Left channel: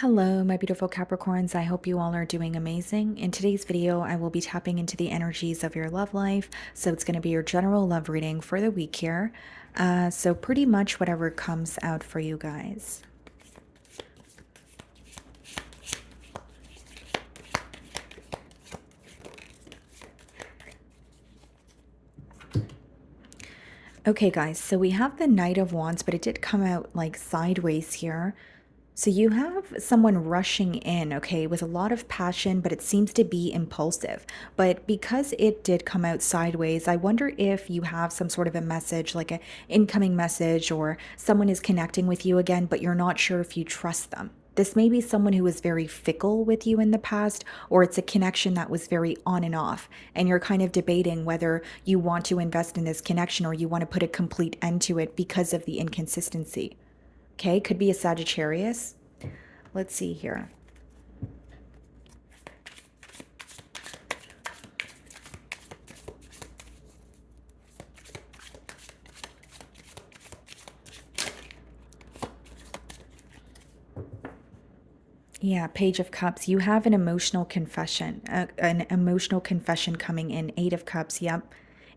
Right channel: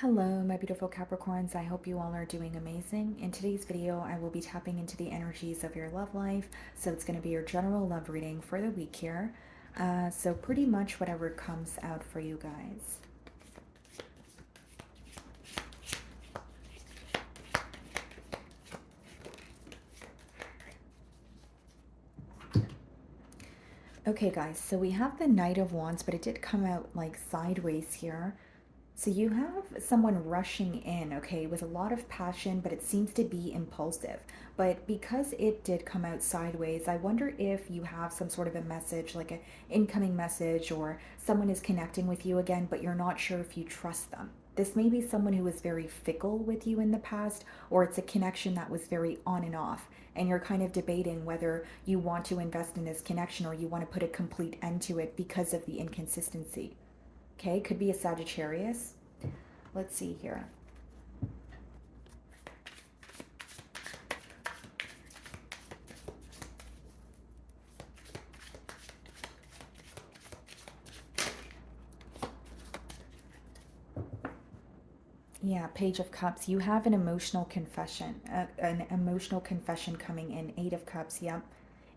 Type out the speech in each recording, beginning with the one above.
Hello, my beautiful Capricorns. I hope you all are doing amazing. In today's video, I will be tapping into the energies of your love life. So it's going to be your general love reading for the week here. So pretty much whatever comes out for you guys. Okay, guys, so we have the Knight of Wands, but it did come out like sideways here. So you have someone rushing in, okay, with a lot of passion, but it seems to be impulsive. But because it did come out sideways, I wonder if you have some sort of a message, like an incoming message, or someone is connecting with you again, but you're not sure if you trust them. This may be someone who was very fickle with you in the past, or it's a connection that was very on and off, and you're kind of debating whether you want to invest in this connection or you want to put a complete end to it because of the inconsistency. Okay, could be a Sagittarius. Let's see here. Yeah, Page of Cups. You have an emotional confession, an emotional confession coming in. Eight of Cups. Yep.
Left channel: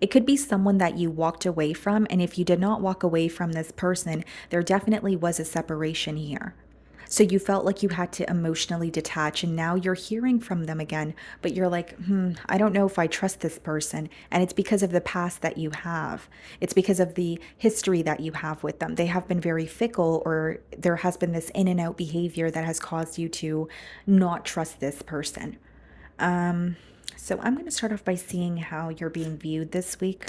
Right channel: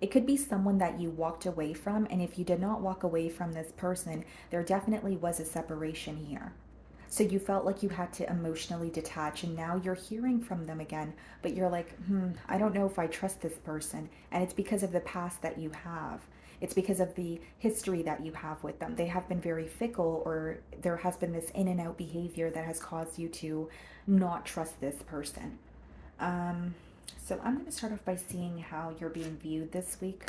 It could be someone that you walked away from. And if you did not walk away from this person, there definitely was a separation here. So you felt like you had to emotionally detach, and now you're hearing from them again, but you're like, I don't know if I trust this person. And it's because of the past that you have. It's because of the history that you have with them. They have been very fickle, or there has been this in and out behavior that has caused you to not trust this person. Um, so I'm going to start off by seeing how you're being viewed this week.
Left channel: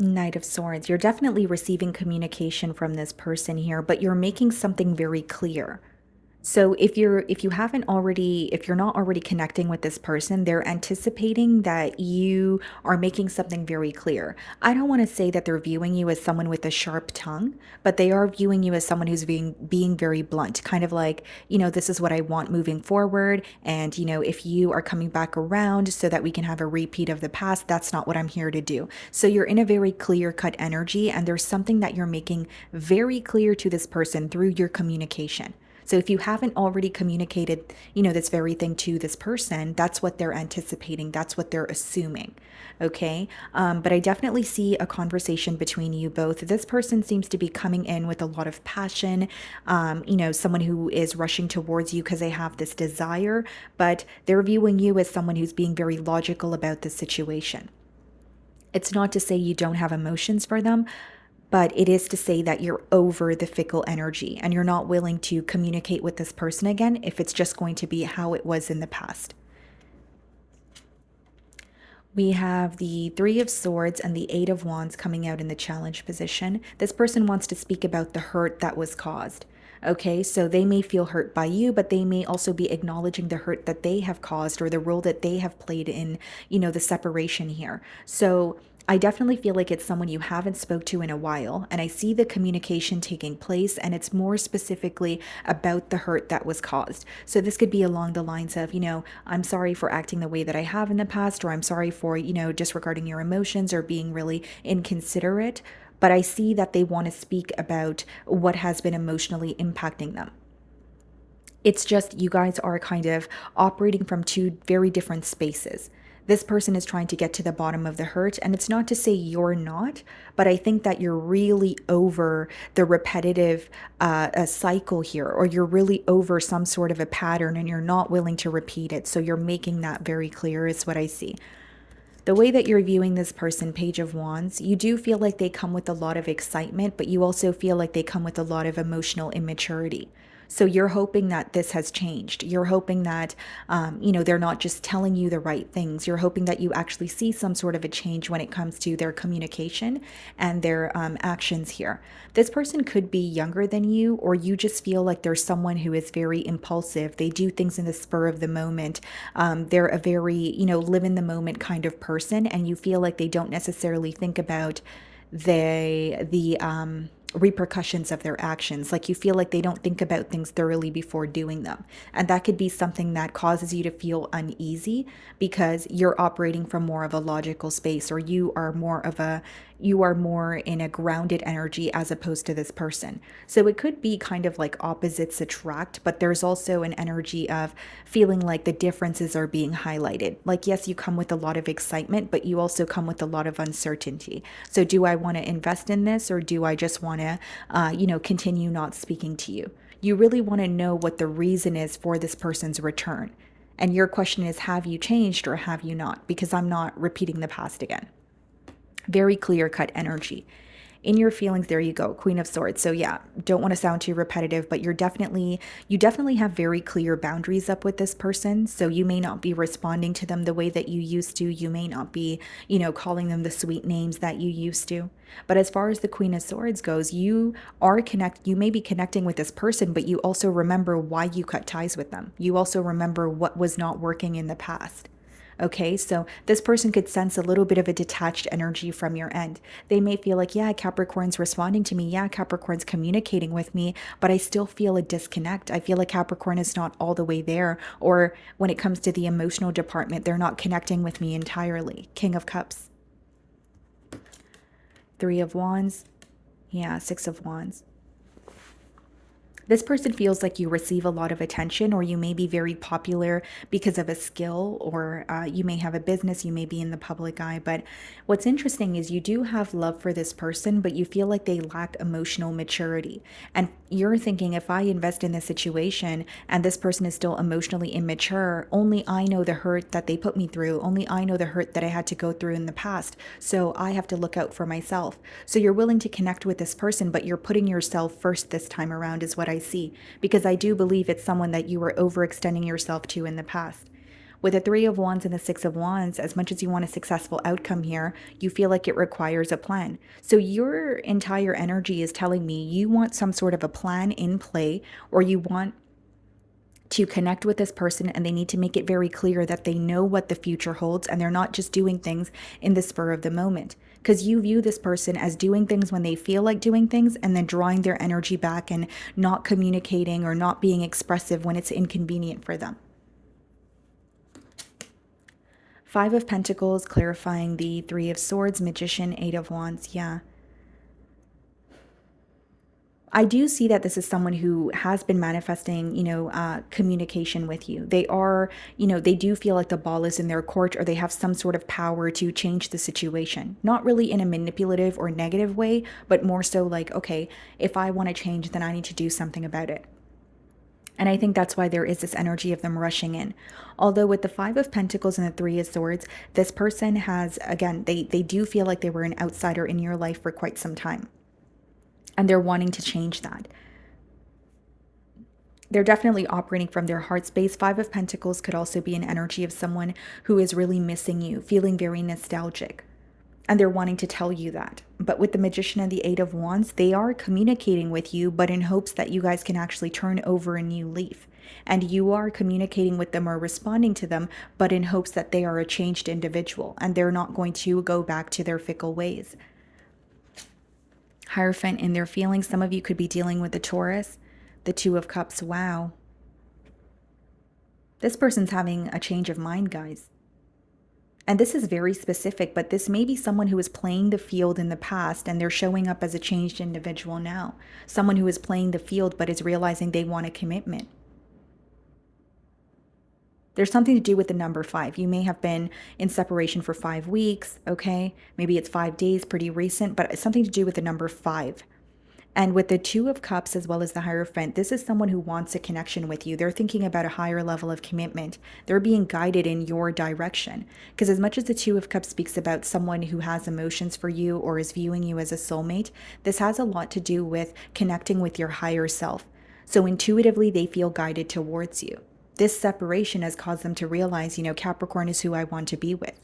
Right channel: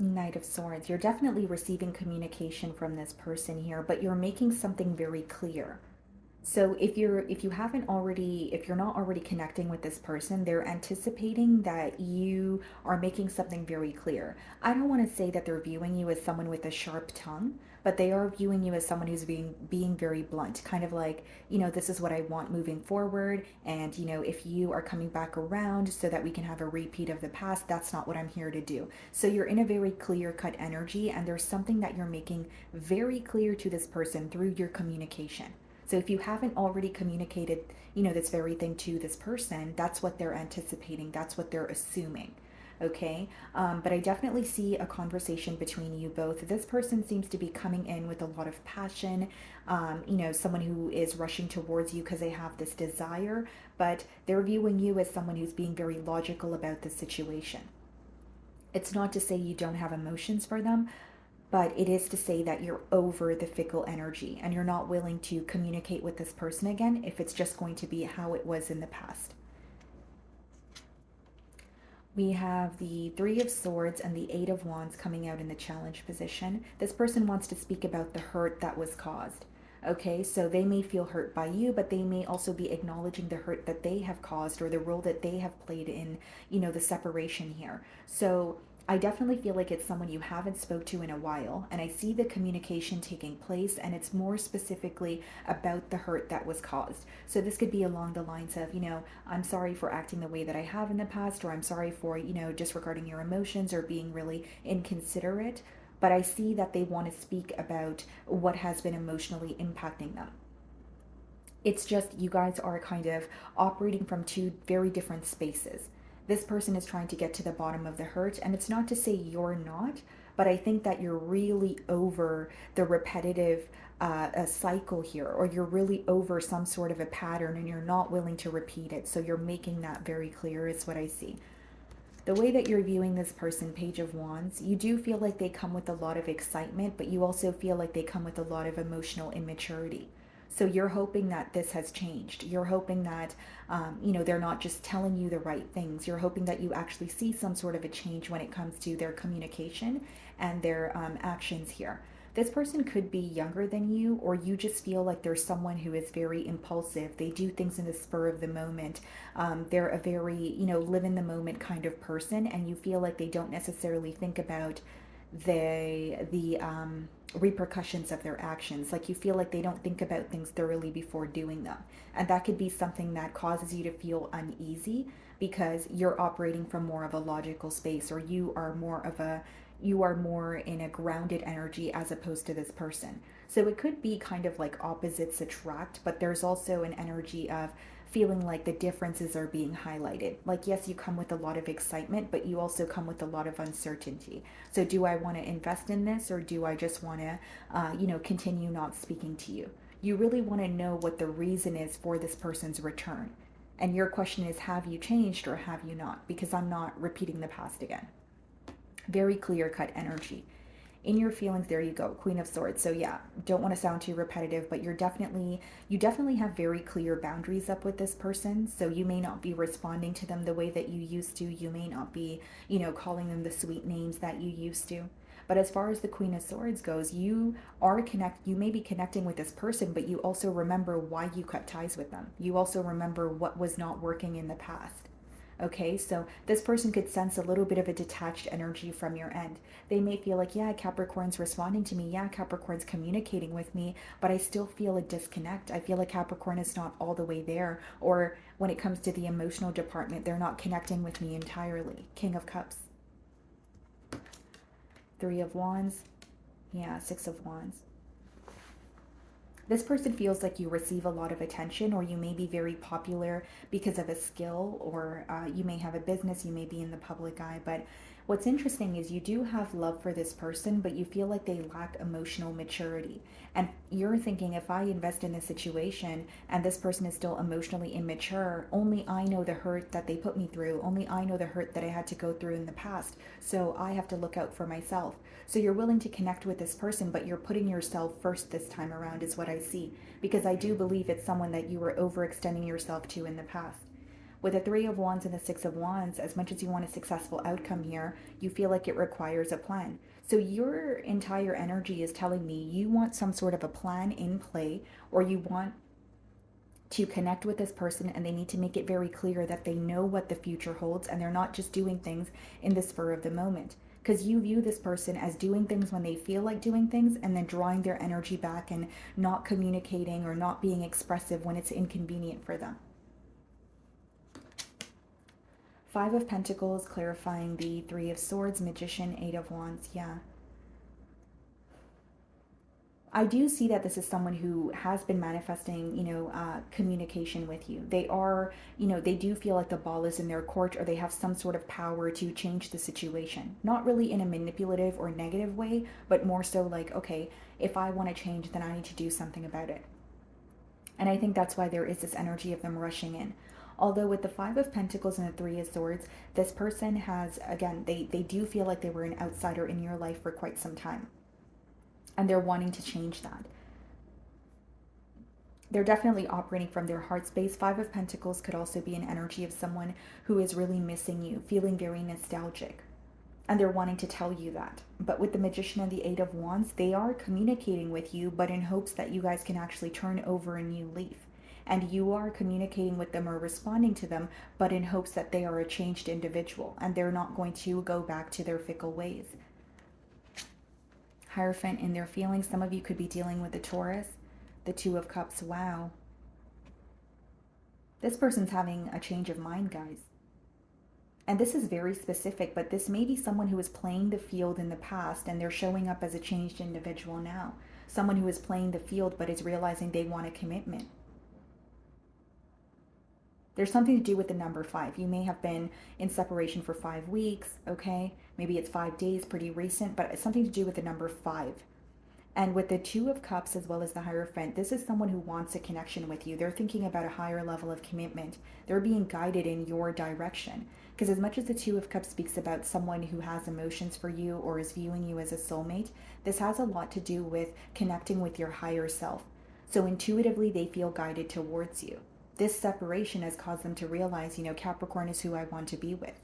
Knight of Swords. You're definitely receiving communication from this person here, but you're making something very clear. So if you're not already connecting with this person, they're anticipating that you are making something very clear. I don't want to say that they're viewing you as someone with a sharp tongue, but they are viewing you as someone who's being very blunt, kind of like, this is what I want moving forward, and if you are coming back around so that we can have a repeat of the past, that's not what I'm here to do. So you're in a very clear-cut energy, and there's something that you're making very clear to this person through your communication. So if you haven't already communicated, this very thing to this person, that's what they're anticipating. That's what they're assuming. Okay. But I definitely see a conversation between you both. This person seems to be coming in with a lot of passion, someone who is rushing towards you because they have this desire, but they're viewing you as someone who's being very logical about the situation. It's not to say you don't have emotions for them, but it is to say that you're over the fickle energy and you're not willing to communicate with this person again if it's just going to be how it was in the past. We have the Three of Swords and the Eight of Wands coming out in the challenge position. This person wants to speak about the hurt that was caused. Okay, so they may feel hurt by you, but they may also be acknowledging the hurt that they have caused or the role that they have played in, the separation here. So I definitely feel like it's someone you haven't spoke to in a while, and I see the communication taking place, and it's more specifically about the hurt that was caused. So this could be along the lines of, I'm sorry for acting the way that I have in the past, or I'm sorry for, disregarding your emotions or being really inconsiderate. But I see that they want to speak about what has been emotionally impacting them. It's just you guys are kind of operating from two very different spaces. This person is trying to get to the bottom of the hurt, and it's not to say you're not, but I think that you're really over the repetitive cycle here, or you're really over some sort of a pattern and you're not willing to repeat it. So you're making that very clear, is what I see. The way that you're viewing this person, Page of Wands, you do feel like they come with a lot of excitement, but you also feel like they come with a lot of emotional immaturity. So you're hoping that this has changed. You're hoping that, they're not just telling you the right things. You're hoping that you actually see some sort of a change when it comes to their communication and their actions here. This person could be younger than you, or you just feel like there's someone who is very impulsive. They do things in the spur of the moment. They're a very, live in the moment kind of person, and you feel like they don't necessarily think about the repercussions of their actions. Like you feel like they don't think about things thoroughly before doing them. And that could be something that causes you to feel uneasy because you're operating from more of a logical space, or you are more in a grounded energy as opposed to this person. So it could be kind of like opposites attract, but there's also an energy of feeling like the differences are being highlighted. Like, yes, you come with a lot of excitement, but you also come with a lot of uncertainty. So, do I want to invest in this, or do I just want to, continue not speaking to you? You really want to know what the reason is for this person's return. And your question is, have you changed or have you not? Because I'm not repeating the past again. Very clear cut energy. In your feelings, there you go, Queen of Swords. So yeah, don't want to sound too repetitive, but you definitely have very clear boundaries up with this person. So you may not be responding to them the way that you used to. You may not be, calling them the sweet names that you used to. But as far as the Queen of Swords goes, you may be connecting with this person, but you also remember why you cut ties with them. You also remember what was not working in the past. Okay, so this person could sense a little bit of a detached energy from your end. They may feel like, yeah, Capricorn's responding to me. Yeah, Capricorn's communicating with me, but I still feel a disconnect. I feel like Capricorn is not all the way there. Or when it comes to the emotional department, they're not connecting with me entirely. King of Cups, Three of Wands. Yeah, Six of Wands. This person feels like you receive a lot of attention, or you may be very popular because of a skill, or you may have a business, you may be in the public eye. But what's interesting is you do have love for this person, but you feel like they lack emotional maturity. And you're thinking, if I invest in this situation and this person is still emotionally immature, only I know the hurt that they put me through. Only I know the hurt that I had to go through in the past. So I have to look out for myself. So you're willing to connect with this person, but you're putting yourself first this time around, is what I see, because I do believe it's someone that you were overextending yourself to in the past. With the Three of Wands and the Six of Wands, as much as you want a successful outcome here, you feel like it requires a plan. So your entire energy is telling me you want some sort of a plan in play, or you want to connect with this person, and they need to make it very clear that they know what the future holds and they're not just doing things in the spur of the moment. Because you view this person as doing things when they feel like doing things and then drawing their energy back and not communicating or not being expressive when it's inconvenient for them. Five of Pentacles, clarifying the Three of Swords, Magician, Eight of Wands. Yeah. I do see that this is someone who has been manifesting, communication with you. They are, they do feel like the ball is in their court, or they have some sort of power to change the situation. Not really in a manipulative or negative way, but more so like, okay, if I want to change, then I need to do something about it. And I think that's why there is this energy of them rushing in. Although with the Five of Pentacles and the Three of Swords, this person has, again, they do feel like they were an outsider in your life for quite some time. And they're wanting to change that. They're definitely operating from their heart space. Five of Pentacles could also be an energy of someone who is really missing you, feeling very nostalgic. And they're wanting to tell you that. But with the Magician and the Eight of Wands, they are communicating with you, but in hopes that you guys can actually turn over a new leaf. And you are communicating with them or responding to them, but in hopes that they are a changed individual and they're not going to go back to their fickle ways. Hierophant, in their feelings, some of you could be dealing with the Taurus, the Two of Cups. Wow. This person's having a change of mind, guys. And this is very specific, but this may be someone who was playing the field in the past and they're showing up as a changed individual now. Someone who is playing the field but is realizing they want a commitment. There's something to do with the number 5. You may have been in separation for 5 weeks, okay? Maybe it's 5 days, pretty recent, but it's something to do with the number 5. And with the Two of Cups as well as the Hierophant, this is someone who wants a connection with you. They're thinking about a higher level of commitment. They're being guided in your direction. Because as much as the Two of Cups speaks about someone who has emotions for you or is viewing you as a soulmate, this has a lot to do with connecting with your higher self. So intuitively, they feel guided towards you. This separation has caused them to realize, Capricorn is who I want to be with.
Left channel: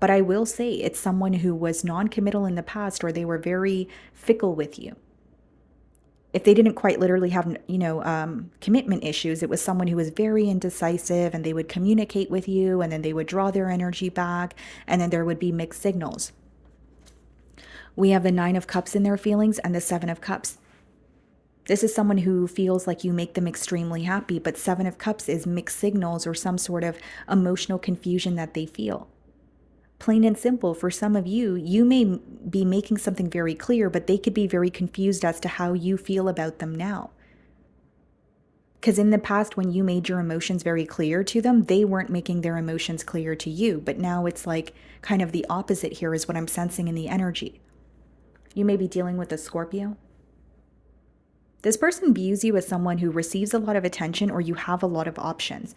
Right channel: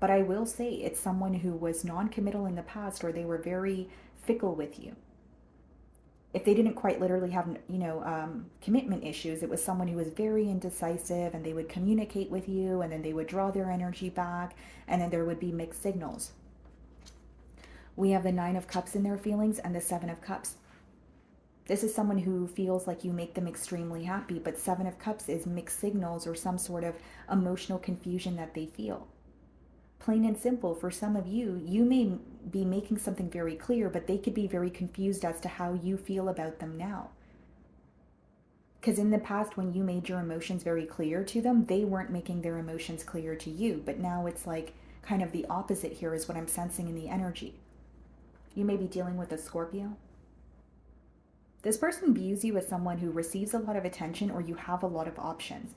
But I will say it's someone who was non-committal in the past, or they were very fickle with you. If they didn't quite literally have, commitment issues, it was someone who was very indecisive, and they would communicate with you and then they would draw their energy back, and then there would be mixed signals. We have the Nine of Cups in their feelings and the Seven of Cups. This is someone who feels like you make them extremely happy, but Seven of Cups is mixed signals or some sort of emotional confusion that they feel. Plain and simple, for some of you, you may be making something very clear, but they could be very confused as to how you feel about them now. Because in the past, when you made your emotions very clear to them, they weren't making their emotions clear to you. But now it's like kind of the opposite here, is what I'm sensing in the energy. You may be dealing with a Scorpio. This person views you as someone who receives a lot of attention, or you have a lot of options.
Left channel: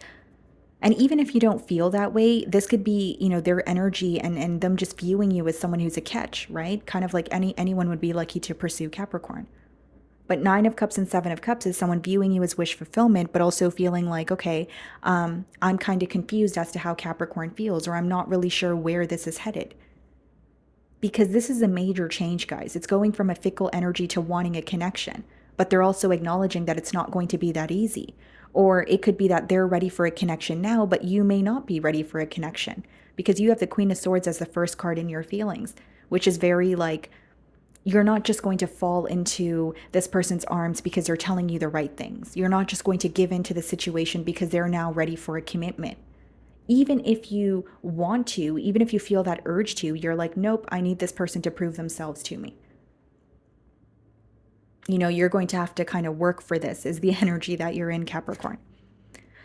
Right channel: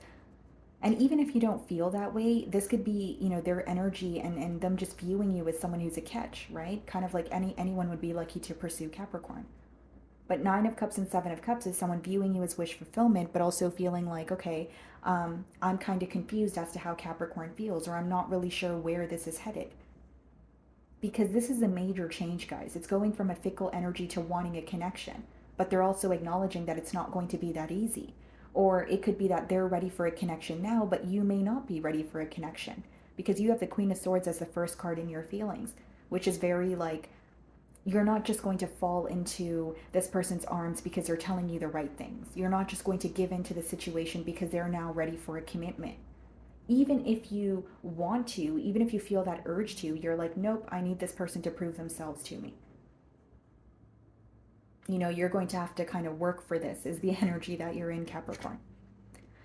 And even if you don't feel that way, this could be, their energy and them just viewing you as someone who's a catch, right? Kind of like anyone would be lucky to pursue Capricorn. But Nine of Cups and Seven of Cups is someone viewing you as wish fulfillment, but also feeling like, okay, I'm kind of confused as to how Capricorn feels, or I'm not really sure where this is headed. Because this is a major change, guys. It's going from a fickle energy to wanting a connection, but they're also acknowledging that it's not going to be that easy. Or it could be that they're ready for a connection now, but you may not be ready for a connection because you have the Queen of Swords as the first card in your feelings, which is very like, you're not just going to fall into this person's arms because they're telling you the right things. You're not just going to give into the situation because they're now ready for a commitment. Even if you want to, even if you feel that urge to, you're like, nope, I need this person to prove themselves to me. You're going to have to kind of work for this, is the energy that you're in, Capricorn.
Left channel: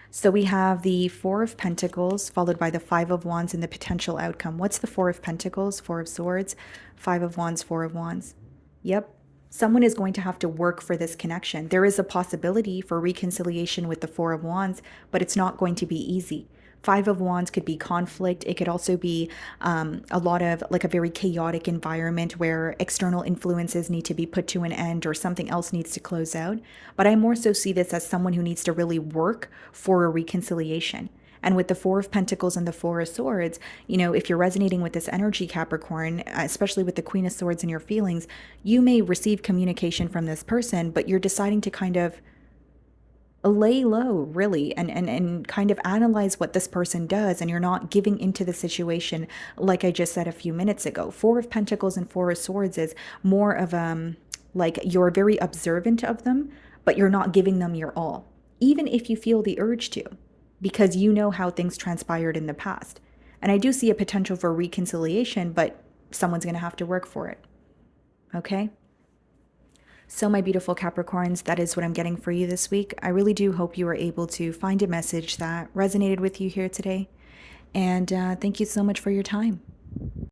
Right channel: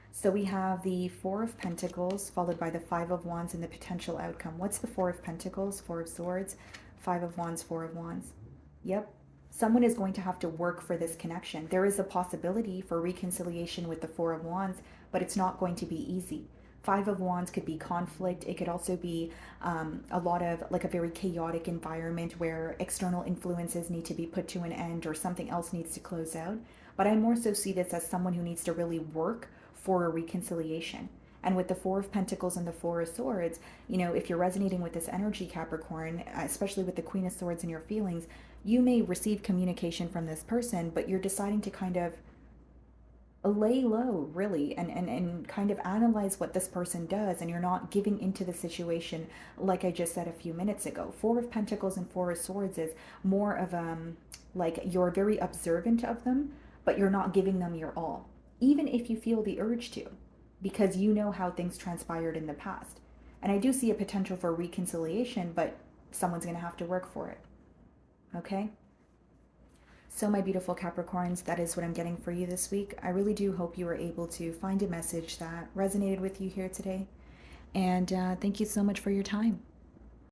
So we have the Four of Pentacles followed by the Five of Wands and the potential outcome. What's the Four of Pentacles? Four of Swords, Five of Wands, Four of Wands. Yep. Someone is going to have to work for this connection. There is a possibility for reconciliation with the Four of Wands, but it's not going to be easy. Five of Wands could be conflict. It could also be a lot of like a very chaotic environment where external influences need to be put to an end or something else needs to close out. But I more so see this as someone who needs to really work for a reconciliation. And with the Four of Pentacles and the Four of Swords, if you're resonating with this energy, Capricorn, especially with the Queen of Swords and your feelings, you may receive communication from this person, but you're deciding to kind of lay low, really, and kind of analyze what this person does, and you're not giving into the situation like I just said a few minutes ago. Four of Pentacles and Four of Swords is more of like you're very observant of them, but you're not giving them your all, even if you feel the urge to, because you know how things transpired in the past. And I do see a potential for reconciliation, but someone's going to have to work for it. Okay? So, my beautiful Capricorns, that is what I'm getting for you this week. I really do hope you were able to find a message that resonated with you here today. And thank you so much for your time.